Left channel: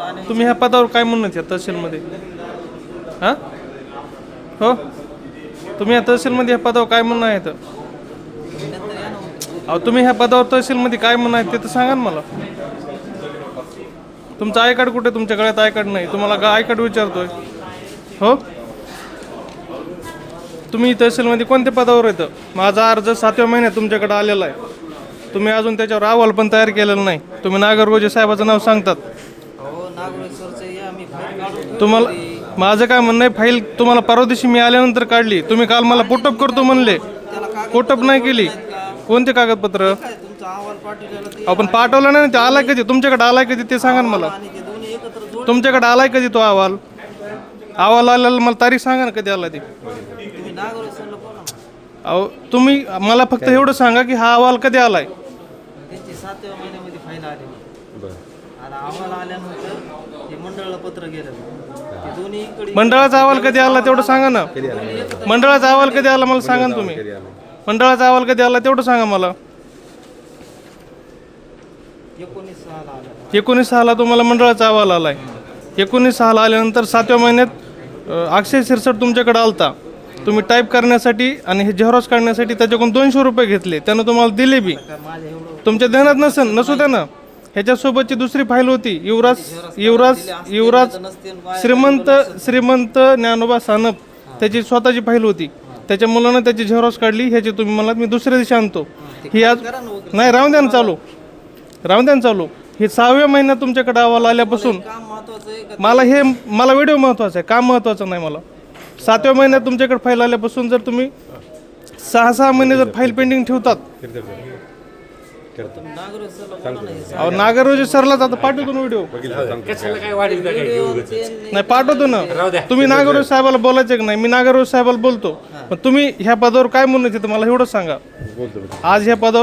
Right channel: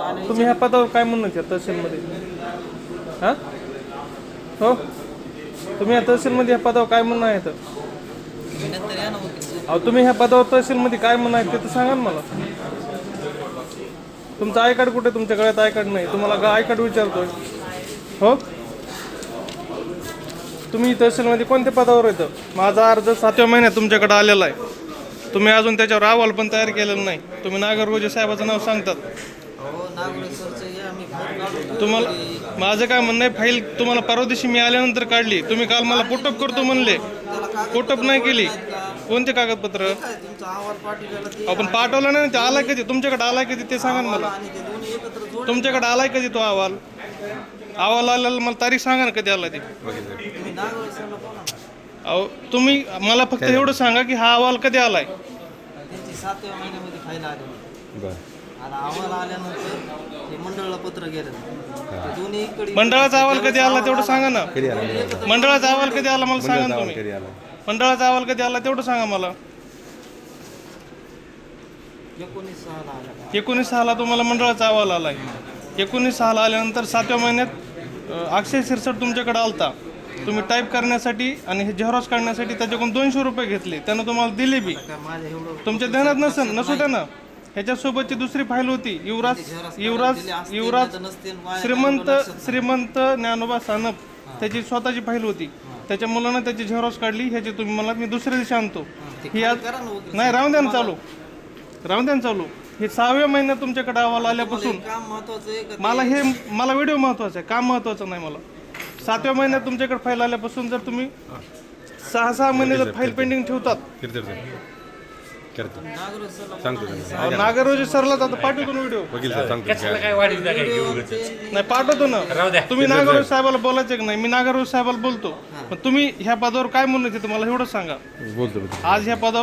तुम्ही ह्या पदावर काय म्हणत या तहसीलमध्ये? हां? हो? तुम्ही या तहसीलमध्ये ह्या पदावर काय म्हणणं आहे तर अहो तुम्ही ह्या पदावर तहसीलमध्ये काय म्हणणं आहे ते तर सांगा ना मला. तुमचं आय कार्ड कुठे? तुमच्या गळ्यात आय कार्ड नाही. तुम्हाला गा आय कार्ड विचारतोय. हो? तुम्ही तहसीलमध्ये कोणत्या पदावर येतं माझा अर्ज सातव्या महिन्यात तुमच्याकडे आलेला आहे. तुम्ही अजून त्याच्यावर अहवाल पण तयार केलेला नाही. तुम्ही नागरगोजे साहेबाचं नाव सांगतात. तुम्हाला माझं काय म्हणणं आहे फाईल तुम्हाला परवा दिवशी मी आल्यानंतर काढली. तुम्ही काल मला पोटअप करतो म्हणले. पोटअप नाही केली. कोणते कागदपत्र? आपण पाठवलं नाही ना, ते आलाय कधी? तुमच्याकडे आलाय कधी? ते सांगा ना मला. आणि ते दोन्ही एकत्र जोड तुमच्याकडे आलाय कधी तो अहवाल? अहवाल आलेला मला तारीख सांगा ना कधी आला ते. तुम्ही नागोळे सरला बोला ना. अहो तुम्ही मला फक्त एवढं सांगा की हा अहवाल कधी आलाय? सातव्या महिन्यामध्ये फाईल आली. अहवाल आल्यानंतर मंडळाला पत्र गेलं. मंडळाचा अहवाल कधी आला तेवढं सांगा ना. मंडळाचा? अहवाल कधी आला मला सांगा ना तुम्ही. मंडळाचा अहवाल कधी आला? तेवढं सांगा मला. एकोणीस सहाला आल्या. एकोणीस सहाला तुम्हाला मंडळाचा अहवाल आलाय. एकोणीस सहाला आल्यानंतर सातव्या महिन्यात अक्षय सिरसट तुमच्याकडे आलता. तुम्ही टाईप करण्यासाठी आणि हे झेरॉक्स काढण्यासाठी त्याच्याकडून दोनशे रुपये घेतले. त्यानं तुम्हाला दिले बी. तुमच्या ध्यानात नसेल नसू द्या ना. ह्याच्यासोबतची दुसरी फाईल होती युवराज युवराज युवराज श्रीमंत श्रीमंत ज्ञानोबा सानप. त्याची स्वतःची फाईल होती. त्याच्या मुलानं त्याची झेरॉक्स काढली ह्याची तुम्ही मला मी दुसऱ्या दिवशी आणतो. ही आज नाही राहून द्या ना चालू. राहून द्या ना चालू. हे सहाव्या महिन्यात तुमच्याकडे अहवाल आल्यापासून मला हे मला व्हिडिओ महत्त्वाचा आहे. काम महत्वाचं नाही मला. सातव्या महिन्यात तुमच्याकडे फाईल आल्यापासून जर तुम्ही सहा सहा महिने जर फाईल पेंडिंग ठेवतात नागोळे सरला बोला ना हे अहो, नागररोजी सरलाच आता पाठवतो ना व्हिडिओ ते नाही पाठवतो ना. तुम्ही नागरोज साहेबाला बोलायचं की नाही? मी नागरोज साहेबाला बोलतो. पण तुम्ही ह्या पदावर काय म्हणत होते मला एवढंच सांगा. आज ह्या पदावर